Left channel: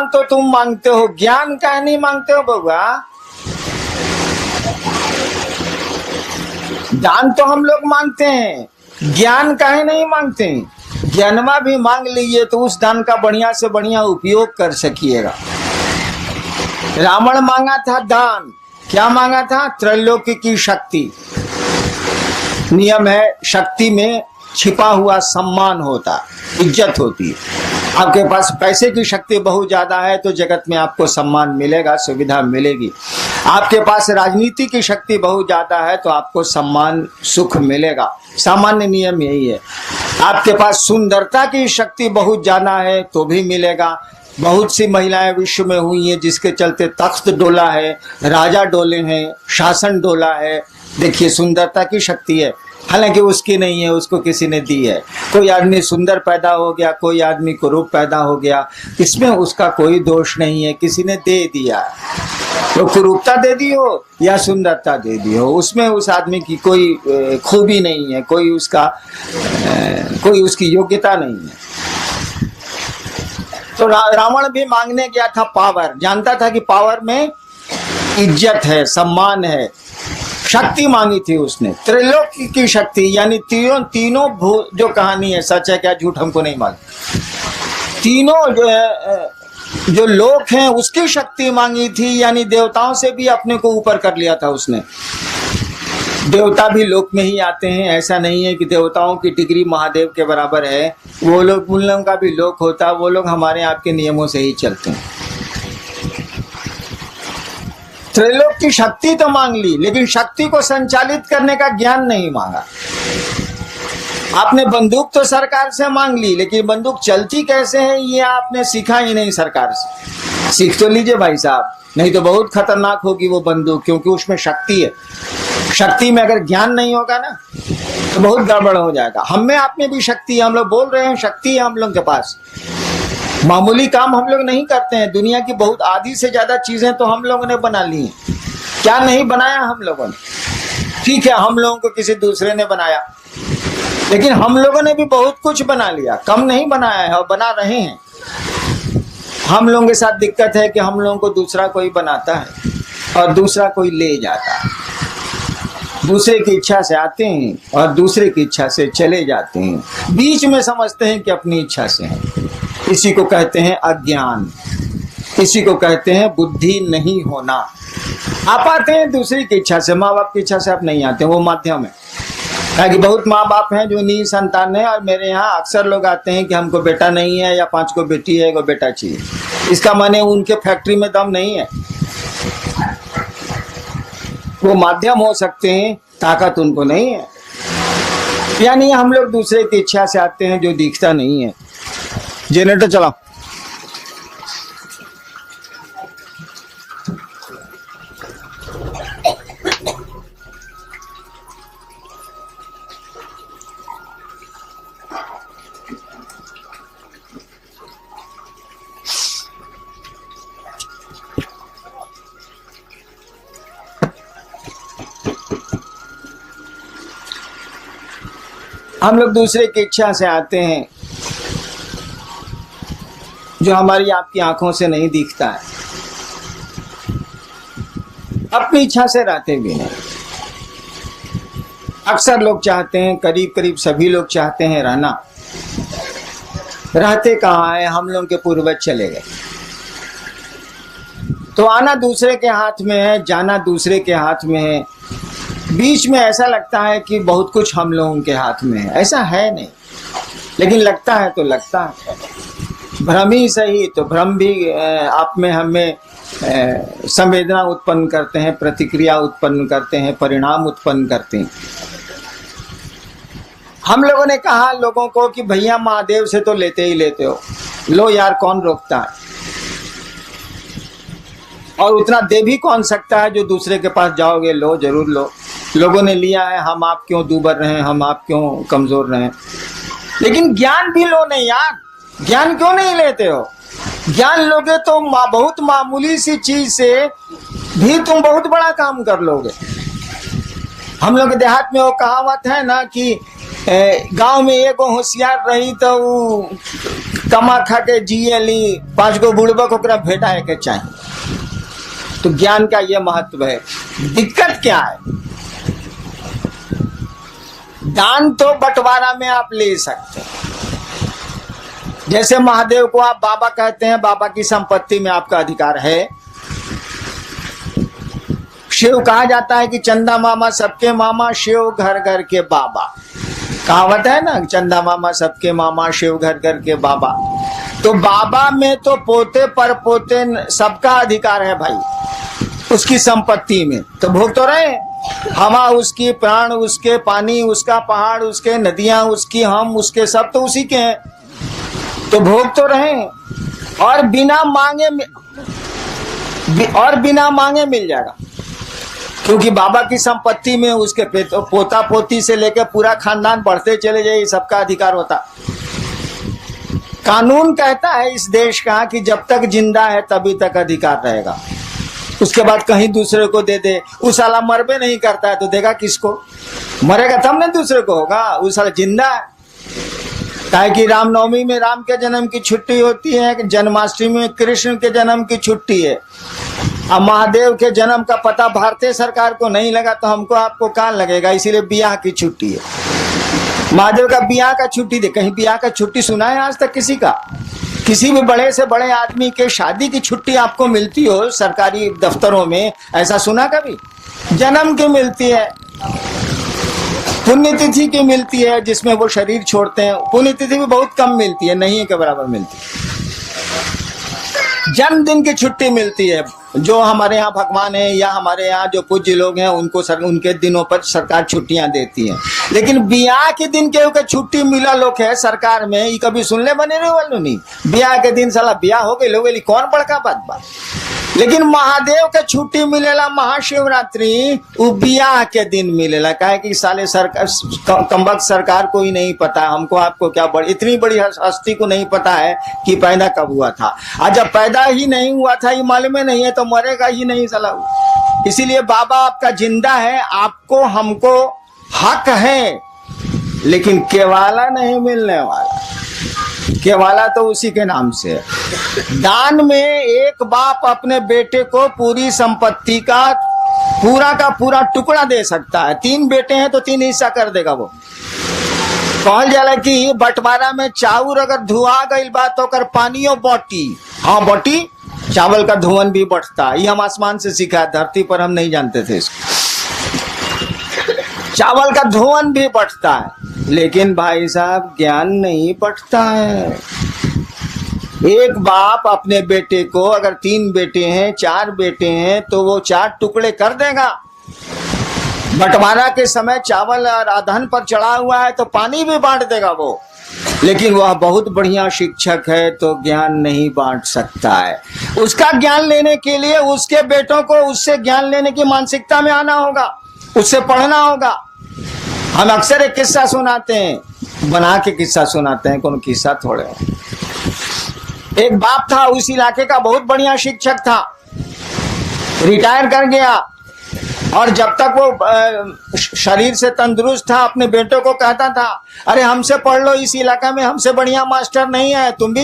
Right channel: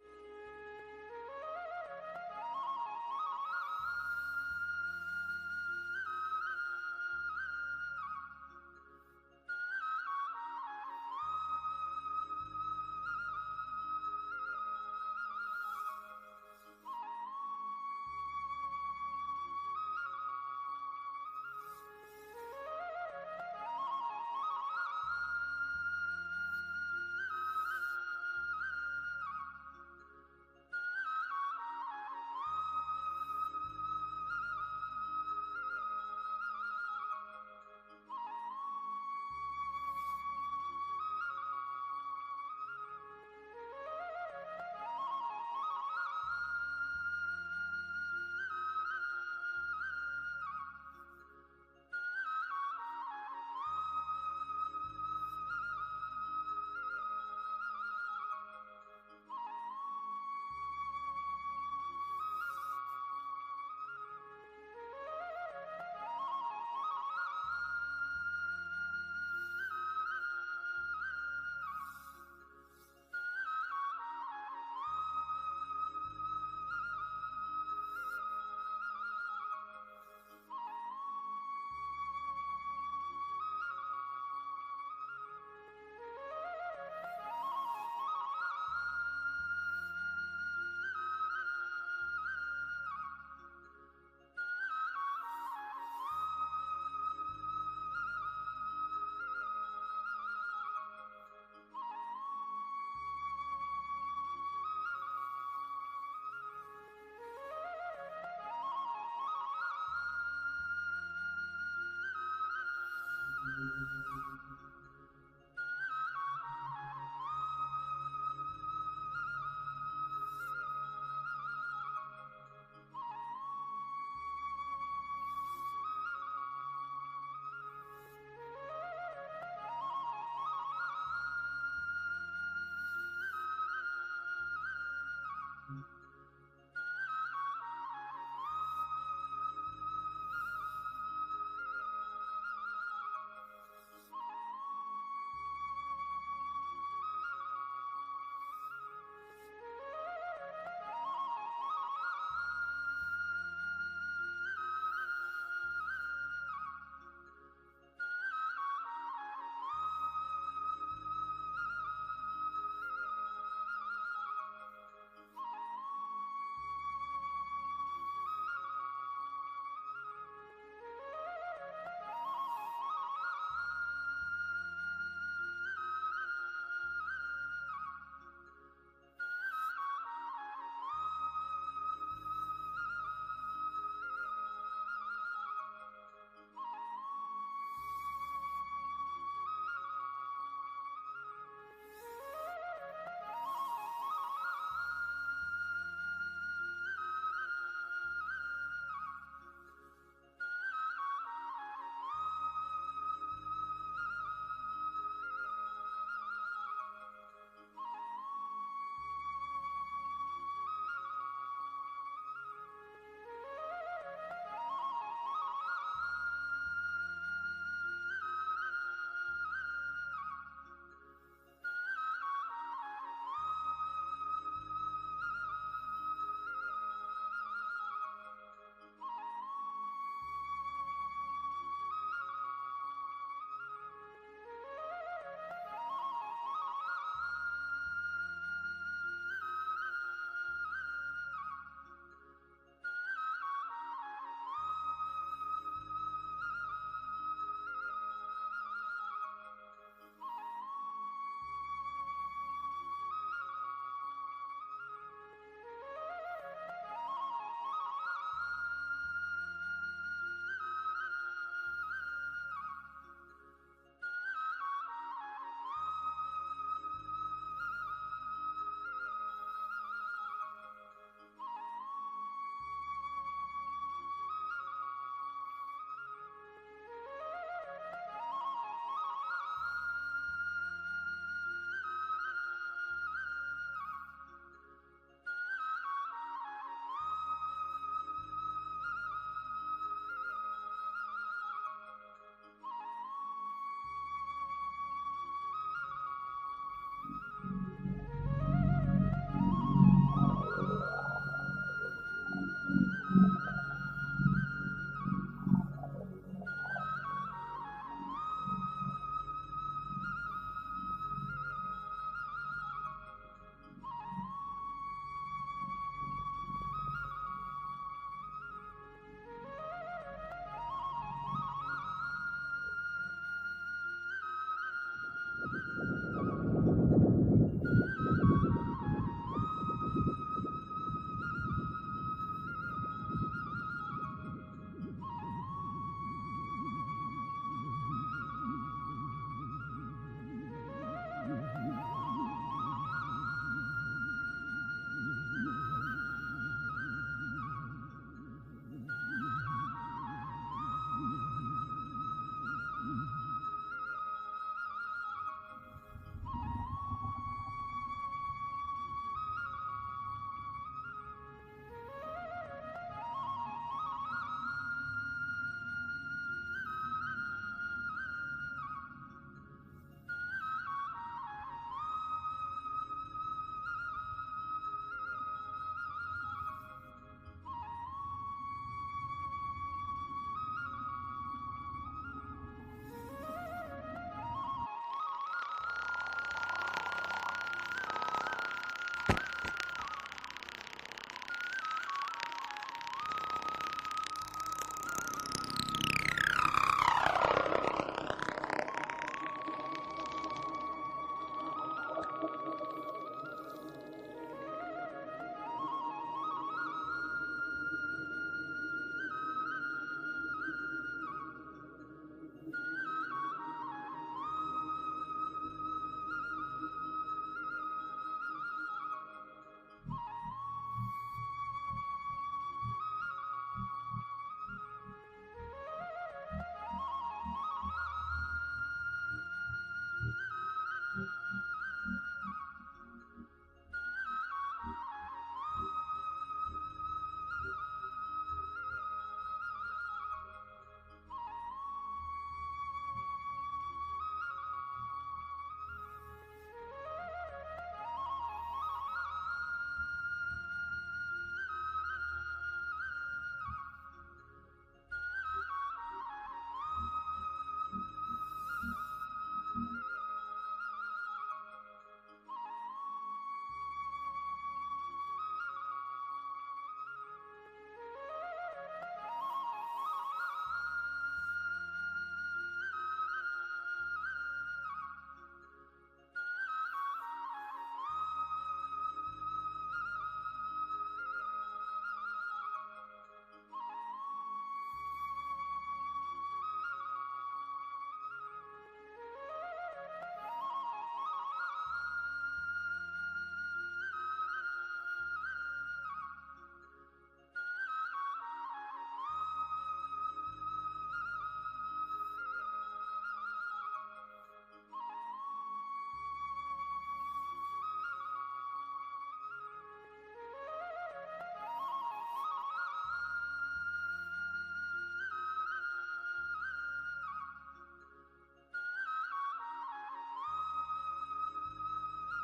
दान तो तुम मांगते हो, ज्ञान काहे नहीं मांगते हो बउआ? दान तो हम लोग मांगते हैं, ज्ञान काहे नहीं मांगते हैं? ज्ञानमा भी मांग लीजिए तो उस दान का बढ़िया से बढ़िया उपयोग कर सकिएगा। रावण मांगा था दान, क्या मांगा था? त्रैलोक्य की शक्ति। नियम है, शक्ति में छिपा हुआ सम्मान होता, इज्जत होती है। आपके पास पैसे की शक्ति बहुत ज्यादा है तो जगत में आपको सम्मान मिलेगा, सुविधा मिलेगी। आपके पास राजनीति की शक्ति बहुत ज्यादा है तो आपको सम्मान सुख मिलेगा, सामान्य नियम यही है। आपके पास सुंदरता की शक्ति बहुत ज्यादा है तो भी मिलेगा। बहुत सी महिलाएं विश्व में हुई हैं जिसके चलते तख्त डोला है, राजा डोले हैं, शासन डोला है। देखिए, सुंदरता की शक्ति है, हालांकि उसकी नहीं है, उसको किसी ने दी है। कोई आदमी सुंदर पैदा हो गया, कोई आदमी कुरूप पैदा हो गया, इसमें उसका कोई दोष नहीं है, किसी ने दे दिया। तो कुरूपता दे दी हो या सुंदरता दे दी हो, उसमें उस आदमी की कोई खूबी नहीं है, कोई उसकी योग्यता नहीं है। तो रावण भी मांगने गया था पावर, जानता था कि पावर में इज्जत है, सम्मान है। शक्ति मांगी थी उसने, त्रिलोकी की शक्ति, यानी तीनों जो कहानी है सच है क्या झूठ हमको नहीं मालूम। तीनों जो लोक हैं उसकी शक्ति मांगी थी, यानी देवताओं से भी अपने को ऊपर कर लिया था उसने। देवता भी लोक में ही आते हैं, ऐसा नहीं है कि देवताओं की डिग्री महादेव के बराबर है। वो लोग, उन लोगों का भी लोक होता है, वो लोग हमारे आपके नियमों से ही चलते हैं। त्रैलोक की शक्ति तो मांग ली, लेकिन शक्ति को संचालित करने का ज्ञान नहीं मांगा। आपने बंदूक तो सरकार से मांग ली, लेकिन बंदूक चलती कैसे है ये आपने सीखा ही नहीं सरकार से। सीख तो लीजिए भाई साहब, नहीं तो बहुत खतरनाक होगी वो बंदूक, क्योंकि उसमें शक्ति है। शक्ति में अगर ज्ञान नहीं होगा ना तो बहुत गड़बड़ हो जाएगा। हम में आप में भी शक्ति है, हम लोग बोल रहे हैं शक्ति है हम लोग के पास। मामूली काम हम लोग नहीं करते हैं, दुनिया की बहुत आधी से ज्यादा चीजें तो हम लोगों ने बना ली हैं। क्या नहीं बनाया हम लोगों ने? ठीक है, हम लोगों को किसी दूसरे ने बनाया, लेकिन हम लोगों ने भी बहुत कुछ बना लिया, कम नहीं बनाया है और बना रहे हैं। हम लोगों के साथ दिक्कत है कि हम लोगों को दूसरा कोई बनाता है और दूसरा कोई ले जाता है। दूसरे की इच्छा से आते हैं और दूसरे की इच्छा से चले जाते हैं, बीच में समझते हैं कि अपनी इच्छा से हैं। इसी को कहते हैं अज्ञान, इसी को कहते हैं बुद्धि नहीं होना। आप आते हैं दूसरी की इच्छा से, माँ बाप की इच्छा से आप नहीं आते, वो माध्यम है। कि बहुत माँ बाप हैं जो निसंतान है, और मेरे यहाँ अक्सर लोग आते हैं कि हमको बेटा नहीं है या 5 को बेटी है, को बेटा चाहिए। इसका माने उनके फैक्ट्री में दम नहीं है, वो माध्यम हो सकते हैं, ताकत उनको नहीं है। यानी हम लोग दूसरे की इच्छा से आते हैं जो दिखता नहीं है। जनरेटर चलाओ। हम लोग दूसरे की इच्छा से आते हैं जो हमारी आपकी आंखों से नहीं दिखता है, अपनी इच्छा से रहते भी नहीं। अक्सर लोग चाहते हैं, करीब करीब सभी लोग चाहते हैं रहना, रहते कहाँ है? हम लोग के पूर्वज चले गए, तो आना दूसरे के हाथ में है, जाना दूसरे के हाथ में है। बीच में ऐसा लगता है कि बहुत कुछ हम लोगों के हाथ में है, ऐसा है नहीं, लेकिन लगता है तो लगता है। भ्रम ही सही, तो भ्रम भी आप में हमें संवेदना उत्पन्न करते हैं, प्रतिक्रिया उत्पन्न करते हैं, परिणाम उत्पन्न करते हैं। हम लोगों ने कहा लोगों को कि भैया महादेव से तो लेते ही लेते हो, लो यार, कौन रोकता है? और उतना दे भी कौन सकता है जो दूसरे के पास जाओगे? लो, जरूर लो। लोगों ने लिया है, हम आप क्यों दूबर रहे, हम आप क्यों कमजोर रहे? लेकिन ज्ञान भी लो नहीं यार, ज्ञान क्यों नहीं लेते हो? ज्ञान लोगे तो बहुत मामूली सी चीज से भी तुम बहुत बड़ा काम कर लोगे। हम लोग देहात में वो कहावत है ना कि गांव में एगो होशियार रही तो कमा खा के जिए ली, 5 गो बुड़बक ओकरा भेटाए के चाहिए। तो ज्ञान का ये महत्व है। दिक्कत क्या है? दान तो बंटवारा में आप ले सकते हैं। जैसे महादेव को आप बाबा कहते हैं, बाबा की संपत्ति में आपका अधिकार है। शिव कहा जाता है कि चंदा मामा सबके मामा, शिव घर घर के बाबा। कहावत है ना, चंदा मामा सबके मामा, शिव घर घर के बाबा। तो बाबा में तो पोते पर पोते सबका अधिकार है भाई, उसकी संपत्ति में। तो भोग तो रहे, हवा उसकी, प्राण उसके, पानी उसका, पहाड़ उसके, नदियां उसकी, हम उसके, सब तो उसी के हैं। तो भोग तो रहे और बिना मांगे मिल जाएगा, क्योंकि बाबा की संपत्ति में उसके पोता पोती से लेकर पूरा खानदान बढ़ते चले जाए, सबका अधिकार होता। कानून कहता है इस देश का कि जब तक जिंदा है तभी तक अधिकार रहेगा, उसके बाद कहीं दूसरे को दे दे। उस साला मरबे नहीं करता है तो देगा किसको? मरेगा तब ना दूसरे को होगा। उस साला जिंदा है। काहे कि रामनवमी में राम के जन्म की छुट्टी होती है, जन्माष्टमी में कृष्ण के जन्म की छुट्टी है। अब महादेव के जन्म का पता भारतीय सरकार को नहीं लगा तो हमको आपको कहाँ लगेगा? इसीलिए बियाह की छुट्टी है। महादेव का बियाह का छुट्टी दे। कहीं बियाह का छुट्टी सुना है आज तक किसी का? किसी भी बड़े से बड़े आदमी के शादी की छुट्टी आपको मिलती हो सरकारी दफ्तरों में, ऐसा सुना कभी? जन्म की मिलती है, पुण्यतिथि की मिलती है जिसमें वो शरीर छोड़ते हैं। पुण्यतिथि भी बहुत कम मिलती है, नहीं के बराबर मिलती है। जन्मदिन की छुट्टी मिलती है। जो हमारे यहाँ भगवान है या हमारे यहाँ जो पूज्य लोग हैं उनको उनके दिनों पर सरकार छुट्टियां देती है। लेकिन बियाह के दिन के छुट्टी मिला लोग है सरकार में, ये कभी सुनले बने रहे वालों नहीं। बियाह के दिन साला बियाह हो गए लोग, कौन बड़का बात बा। लेकिन महादेव के छुट्टी मिलेला महाशिवरात्रि, वो बियाह के दिन मिलेला। काहे कि साले सरकार कमबख्त सरकार को ही नहीं पता, हमको आपको क्या इतनी बड़ी हस्ती को नहीं पता है कि पैदा कब हुआ था। आज जब पैदा ही नहीं हुआ था, ये मालूम ही नहीं है, तो मरेगा ही नहीं साला। इसीलिए बाबा आपका जिंदा है, आपको हमको हक है, लेकिन केवाला नहीं मिलने वाला। केवाला तो उसी के नाम से है। दान में एक बाप अपने बेटे को पूरी संपत्ति का पूरा टुकड़ा दे सकता है। 3 बेटे हैं तो 3 हिस्सा कर देगा वो। कहल जाला कि बंटवारा में चाउर अगर धुआ गई बात तो कर पानियों बटी। हाँ बटी, चावल का धुवन भी बढ़ता है। ये हम आसमान से सीखा, धरती पर हम नहीं जानते थे इसको। चावल का धुवन भी बढ़ता है, लेकिन भाई साहब ज्ञान नहीं बढ़ता है। एक बाप अपने बेटे को, अगर 3 बेटे हैं 4 बेटे हैं तो वो 4 टुकड़े कर देगा। बंटवारा के समय चावल और अधन पर चढ़ा हुआ है तो पानी भी बांट देगा वो। लेकिन वह बहुत बढ़िया शिक्षक है तो ज्ञान नहीं बांट सकता है। उसका ज्ञान लेने के लिए उसके बेटों को उससे ज्ञान लेने की मानसिकता में आना होगा, उससे पढ़ना होगा। हम अक्सर एक किस्सा सुनाते हैं, बना के किस्सा सुनाते हैं, कौन किस्सा थोड़े। एक बाप था, उस इलाके का बहुत बढ़िया शिक्षक था, रिटायर कर गया। और जब तक वो शरीर से तंदुरुस्त था, अपने बेटों को कहता था, अरे हमसे पढ़ लो, इस इलाका में हमसे बढ़िया मास्टर नहीं है, तुम भी